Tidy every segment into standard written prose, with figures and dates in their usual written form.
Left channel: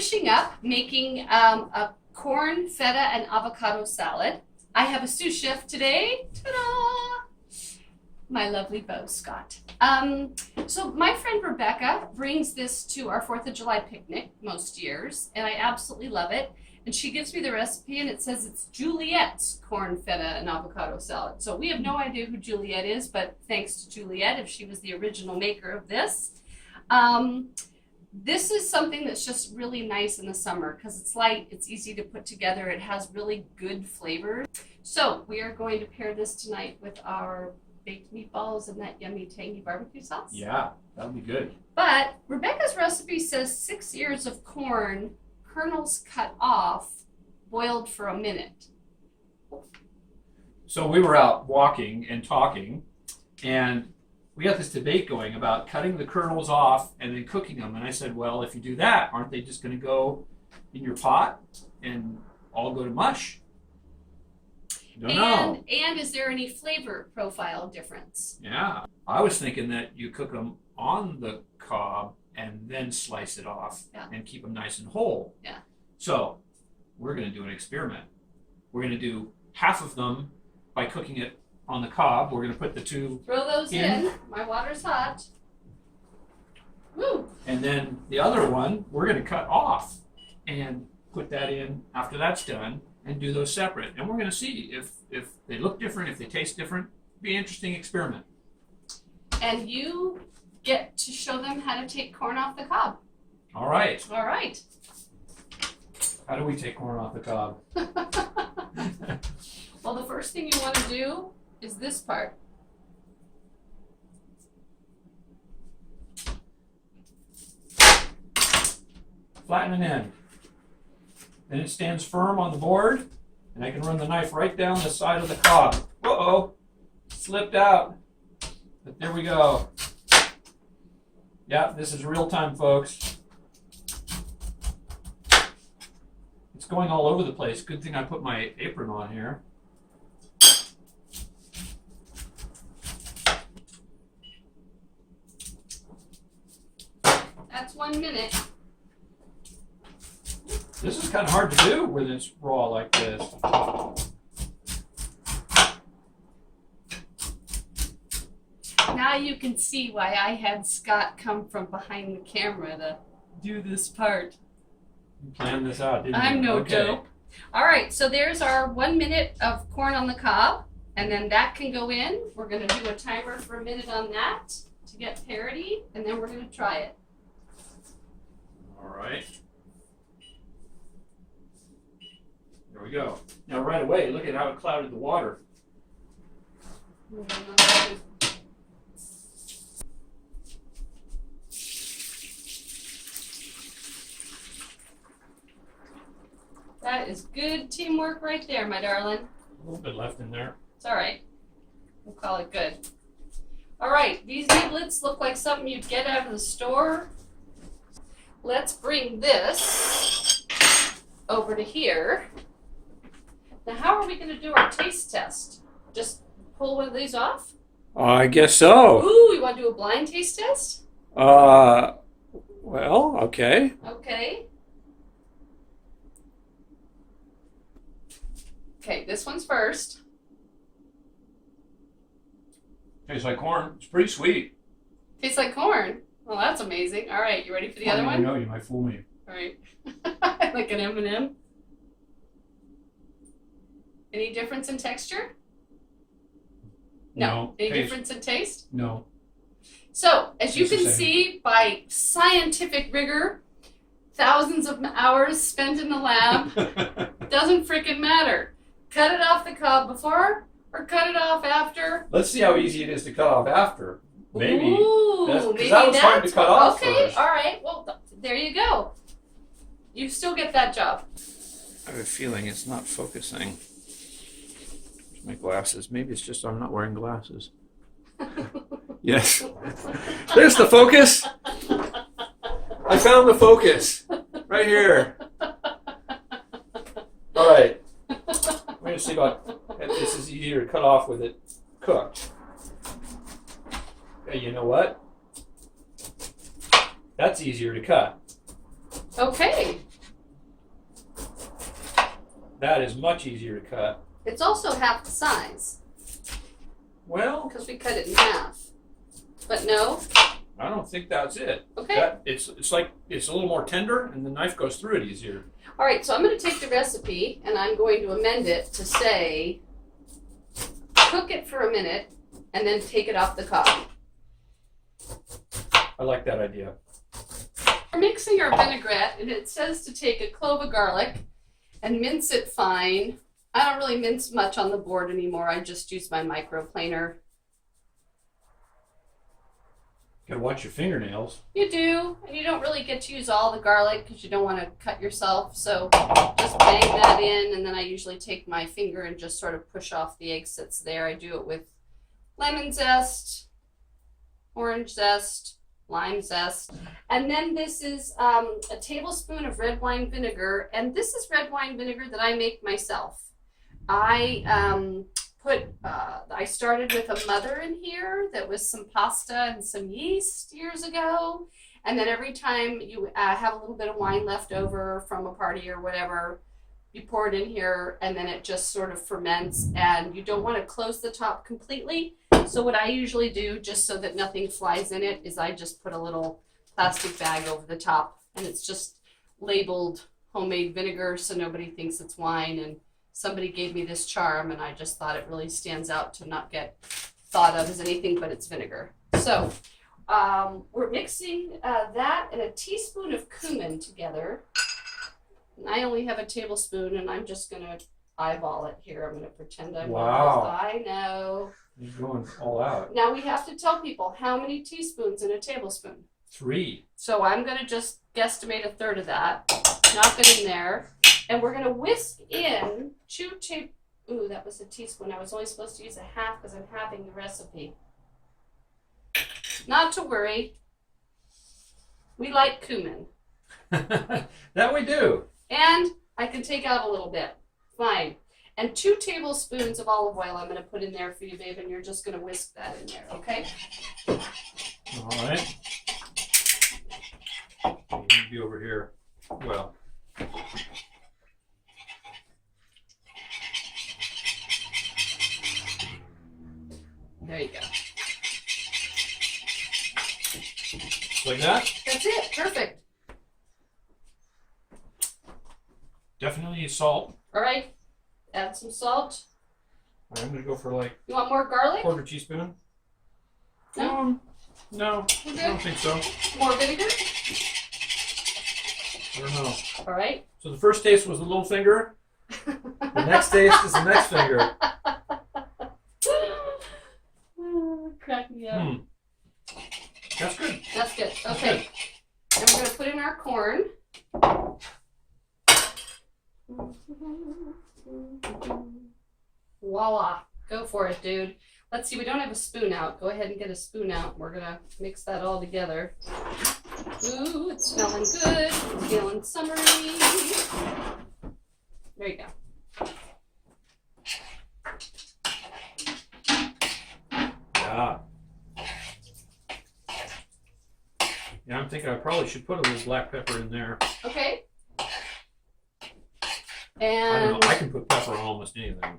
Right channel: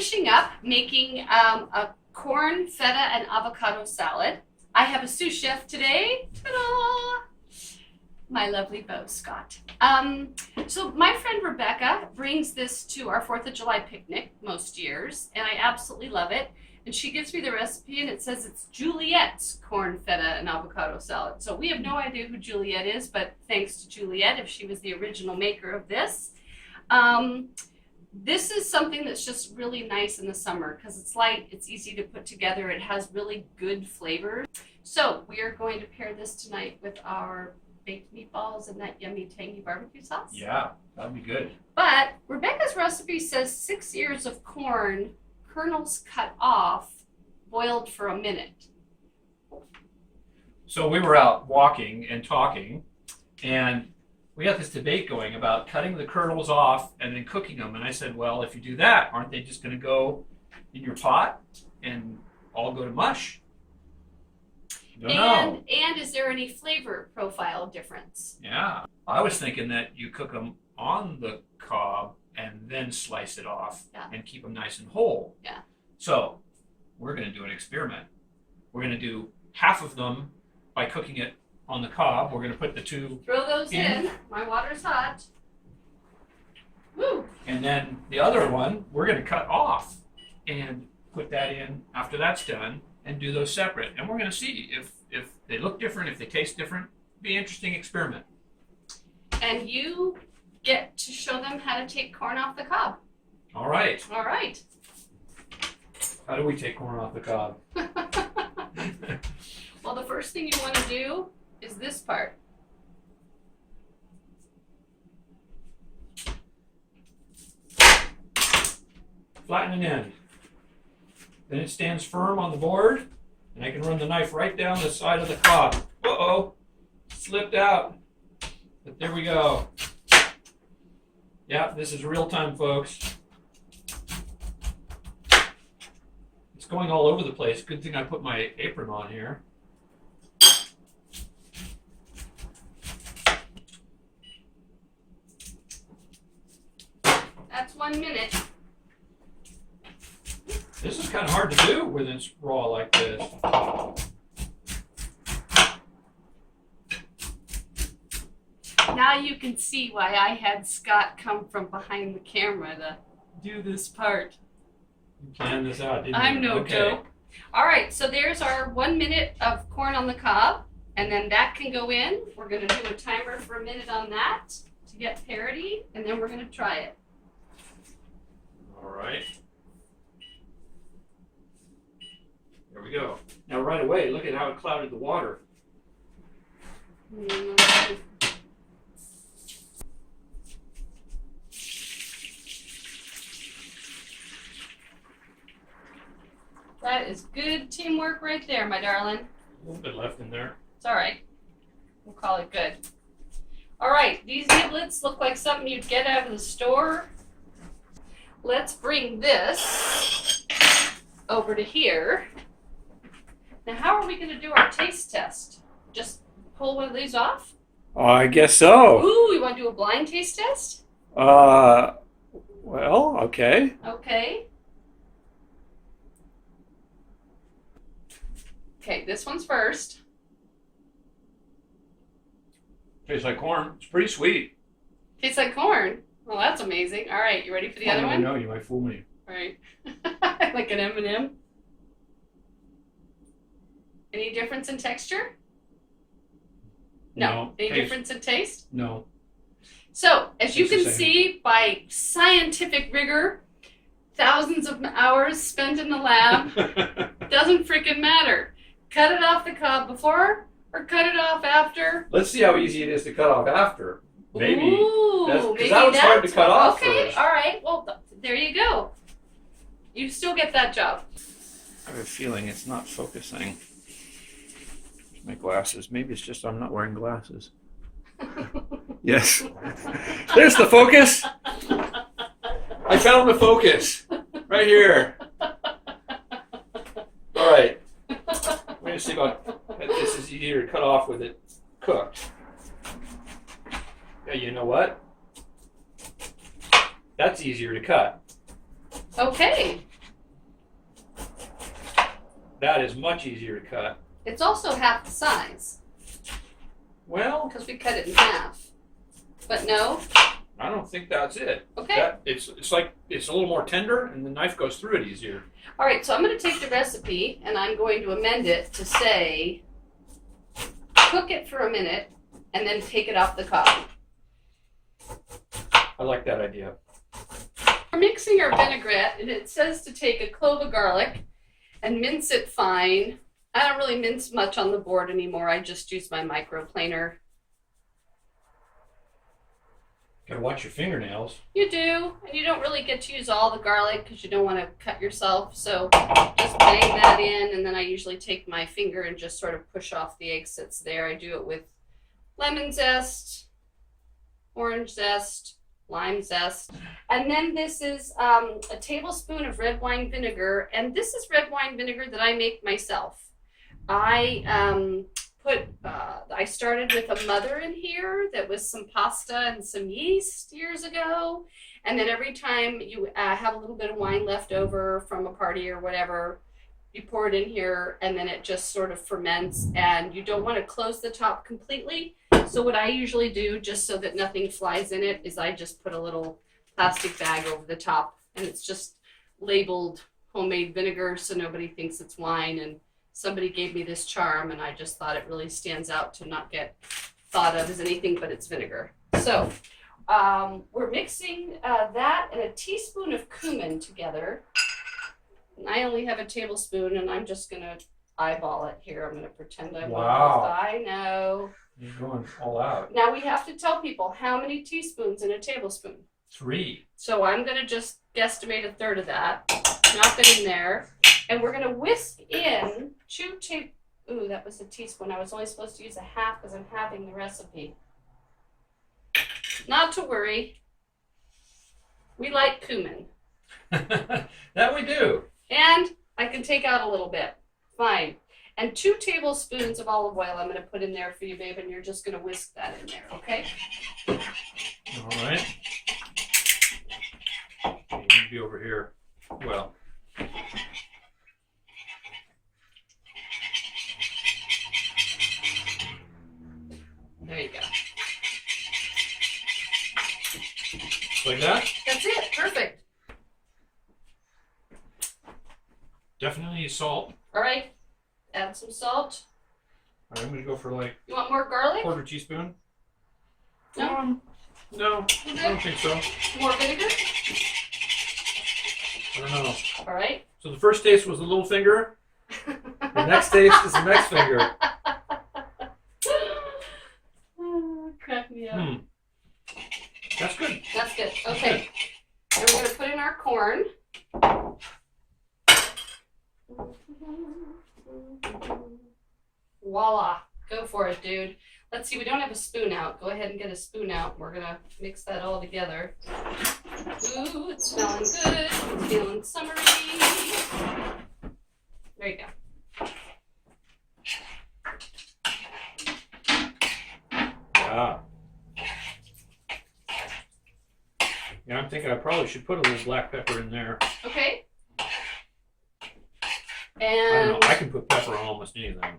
finishing up making a corn, feta, and avocado salad. I have a sous chef today. Ta-da! My lovely beau, Scott. So my friend Rebecca brings this to our 4th of July picnic most years, and I absolutely love it. And she gives me the recipe, and it says it's Juliette's corn, feta, and avocado salad. So we have no idea who Juliette is, but thanks to Juliette, if she was the original maker of this. This is something that's just really nice in the summer because it's light, it's easy to put together, it has really good flavors. So we are going to pair this tonight with our baked meatballs and that yummy tangy barbecue sauce. Yeah, that would be good. But Rebecca's recipe says 6 ears of corn, kernels cut off, boiled for a minute. So we were out walking and talking, and we got this debate going about cutting the kernels off and then cooking them. And I said, well, if you do that, aren't they just going to go in your pot and all go to mush? Don't know. And is there any flavor profile difference? Yeah. I was thinking that you cook them on the cob and then slice it off and keep them nice and whole. Yeah. So we're going to do an experiment. We're going to do half of them by cooking it on the cob. We're going to put the two. Throw those in. My water's hot. Woo! And then the other one, we're going to cut off and put that in after that's done and do those separate. And we're going to see if they look different, if they taste different. Be an interesting experiment. And you get to show them how to take corn off the cob. All right. All right. How do we take corn off the cob? Well, the first thing you want to do is this part. Flatten an end. Then it stands firm on the board, and I can run the knife right down the side of the cob. Uh-oh, slipped out. But there we go. Yeah, this is real time, folks. It's going all over the place. Good thing I put my apron on here. That's 1 minute. This is kind of hard to do when it's raw like this. Now you can see why I had Scott come from behind the camera to do this part. You planned this out, didn't you? I'm no joke. All right, so there's our 1 minute of corn on the cob, and then that can go in. We're going to do a timer for a minute on that to get parity, and then we're going to try it. All right. There we go. Now right away, look at how it clouded the water. That is good teamwork right there, my darling. A little bit left in there. It's all right. We'll call it good. All right, these niblets look like something you'd get out of the store. Let's bring this over to here. Now, how are we going to do our taste test? Just pull one of these off? I guess so. Ooh, you want to do a blind taste test? Well, okay. Okay. Okay, this one's first. Tastes like corn. It's pretty sweet. Tastes like corn. Well, that's amazing. All right, you ready for the other one? No, you might fool me. All right. Like an M&M. Any difference in texture? No. Any difference in taste? No. So, as you Tastes can the same. see, by scientific rigor, thousands of hours spent in the lab, doesn't freaking matter. Cut it off the cob before or cut it off after. Let's see how easy it is to cut off after. Maybe. Ooh, Because maybe that was hard to that's cut off okay, first. all right. Well, there you go. You still get that job. I have a feeling it's not focusing. My glasses. Maybe it's just I'm not wearing glasses. Yes. There's the focus. I found the focus. Right here. All right. We're going to see about if this is easier to cut off with it cooked. Hey, you know what? That's easier to cut. Okay. That is much easier to cut. It's also half the size Well, because we cut it in half. But no? I don't think that's it. Okay. It's like it's a little more tender, and the knife goes through it easier. All right, so I'm going to take the recipe and I'm going to amend it to say cook it for a minute and then take it off the cob. I like that idea. We're mixing our vinaigrette, and it says to take a clove of garlic and mince it fine. I don't really mince much on the board anymore. I just use my microplaner. Gotta watch your fingernails. You do, and you don't really get to use all the garlic because you don't want to cut yourself. So just bang that in, and then I usually take my finger and just sort of push off the eggs that's there. I do it with lemon zest, orange zest, lime zest. And then this is a tablespoon of red wine vinegar, and this is red wine vinegar that I make myself. I started with a mother in here that was some pasta and some yeast years ago, and then every time you have a little bit of wine left over from a party or whatever, you pour it in here, and then it just sort of ferments, and you don't want to close the top completely. So what I usually do, just so that nothing flies in it, is I just put a little plastic bag over the top, and it's just labeled homemade vinegar so nobody thinks it's wine. And somebody gave me this charm, and I just thought it really stands out to not get thought of as anything but it's vinegar. So we're mixing that and a teaspoon of cumin together. And I only have a tablespoon, and I'm just going to eyeball it here. I'm going to pretend I'm Wow. I know. You're going all out. Now we have to tell people how many teaspoons in a tablespoon. 3. So I'm going to just guesstimate a third of that, knock it in there, and we're going to whisk in 2 tablespoons. Ooh, that was a teaspoon. I was only supposed to use a half because I'm halving the recipe. Not to worry. We like cumin. That we do. And I can take out a little bit. Fine. And 2 tablespoons of olive oil I'm going to put in there for you, babe, and you're just going to whisk that in there, okay? All right. Okay, you can be over here. Well. There you go. Like that? That's it. Perfect. Definitely salt. All right. Add some salt. I'm going to go for like You want more garlic? 1/4 teaspoon. No? No, I don't think so. More vinegar? I don't know. All right. So the first taste was the little finger. The next taste is the next finger. Oh, crack me up. That's good. That's good. Okay. And we're going to put in our corn. Voila. Go for it, dude. Let's see, we don't have a spoon out. Go ahead and get a spoon out. We're going to mix that all together. Ooh, it's smelling good. It's feeling summery. There you go. Yeah. Yeah, I'm thinking I probably should put a little black pepper in there. Okay. I And don't know. I can put pepper on almost anything.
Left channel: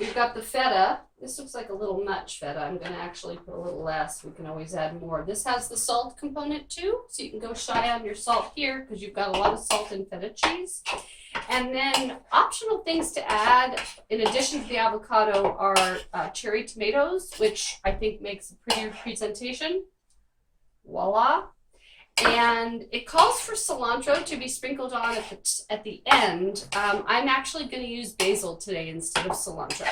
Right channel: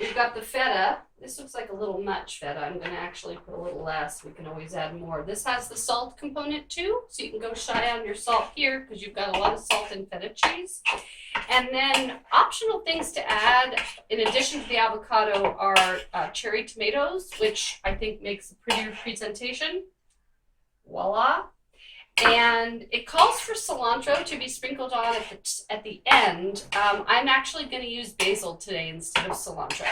we've got the feta. This looks like a little much feta. I'm going to actually put a little less. We can always add more. This has the salt component too, so you can go shy on your salt here because you've got a lot of salt in feta cheese. And then optional things to add in addition to the avocado are cherry tomatoes, which I think makes a prettier presentation. Voila. And it calls for cilantro to be sprinkled on at the end. I'm actually going to use basil today instead of cilantro.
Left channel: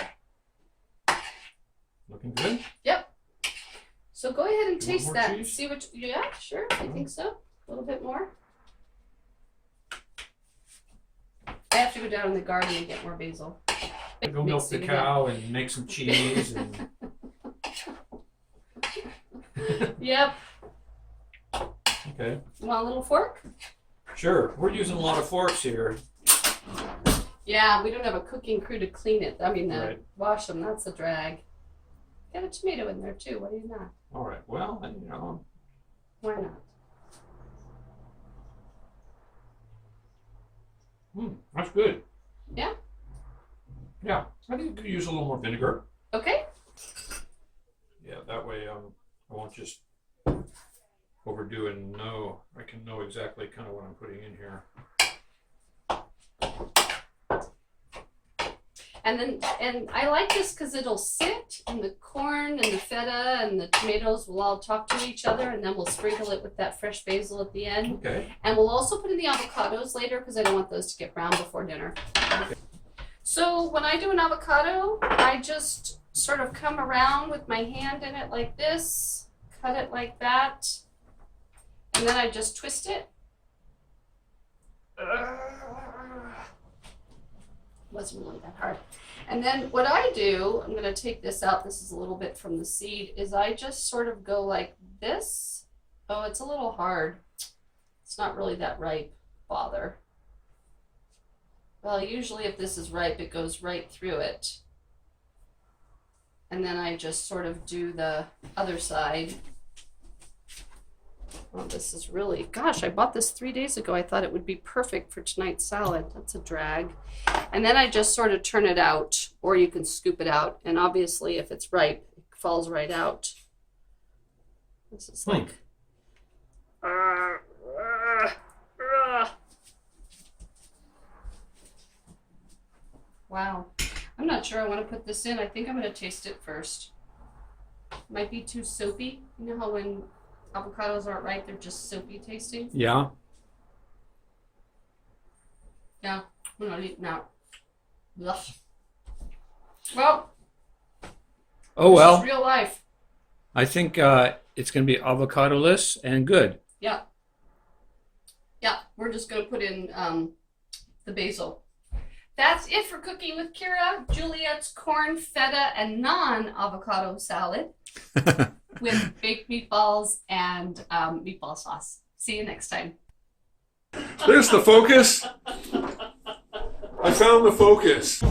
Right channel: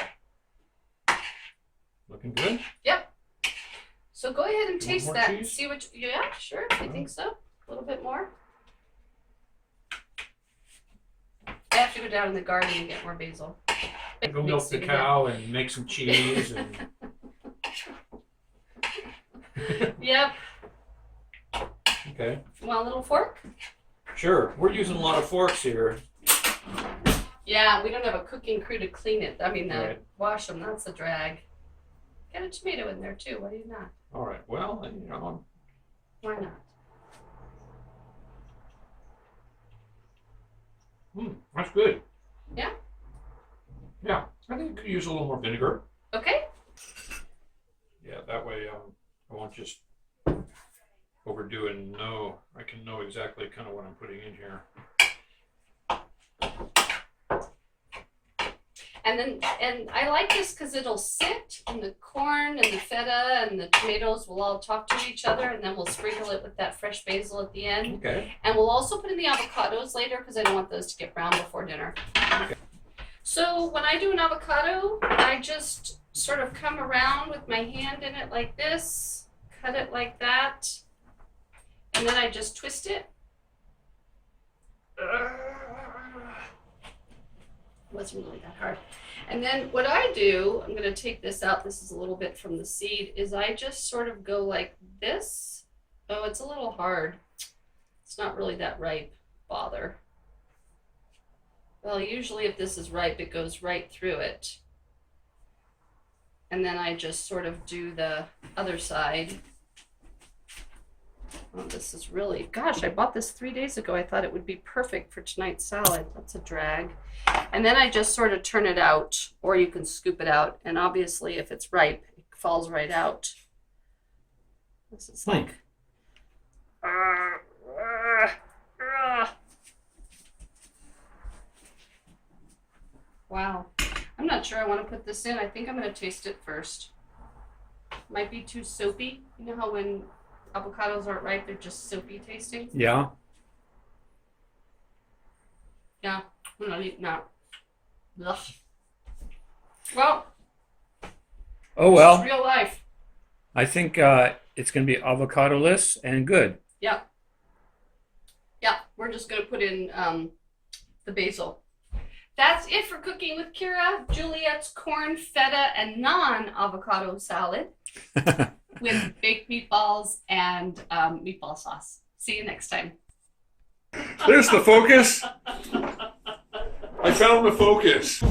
Looking good? Yep. So go ahead and You want taste more that and cheese? see what yeah, sure. I think so. A little bit more. I have to go down in the garden and get more basil. Go milk the Mixing it. cow and make some cheese. And Yep. okay. You want a little fork? Sure. We're using a lot of forks here. Yeah, we don't have a cooking crew to clean it. I mean, Right. wash them. That's a drag. Get a tomato in there too. Why do you not? All right. Well, you know, Why not? that's good. Yeah. I think you could use a little more vinegar. Okay. Yeah, that way I won't just overdo it and know. I can know exactly kind of what I'm putting in here. And I like this because it'll sit, and the corn and the feta and the tomatoes will all talk to each other, and then we'll sprinkle it with that fresh basil at the end. Okay. And we'll also put in the avocados later because I don't want those to get brown before dinner. Okay. So when I do an avocado, I just sort of come around with my hand in it like this, cut it like that, and then I just twist it. Wasn't really that hard. And then what I do, I'm going to take this out. This is a little bit from the seed, is I just sort of go like this. Oh, it's a little hard. It's not really that ripe. Bother. Well, usually if this is ripe, it goes right through it. And then I just sort of do the other side. Oh, this is really, gosh, I bought this 3 days ago. I thought it would be perfect for tonight's salad. That's a drag. And then I just sort of turn it out, or you can scoop it out. And obviously, if it's ripe, it falls right out. This is like, wow. I'm not sure I want to put this in. I think I'm going to taste it first. Might be too soapy. You know how when avocados aren't ripe, they're just soapy tasting? Yeah. Yeah, I'm not eating that. Ugh. Well, Oh this well. is real life. I think it's going to be avocado-less and good. Yeah. Yeah, we're just going to put in the basil. That's it for Cooking with Kira, Juliette's corn, feta, and non-avocado salad with baked meatballs and meatball sauce. See you next time. There's the focus. I found the focus.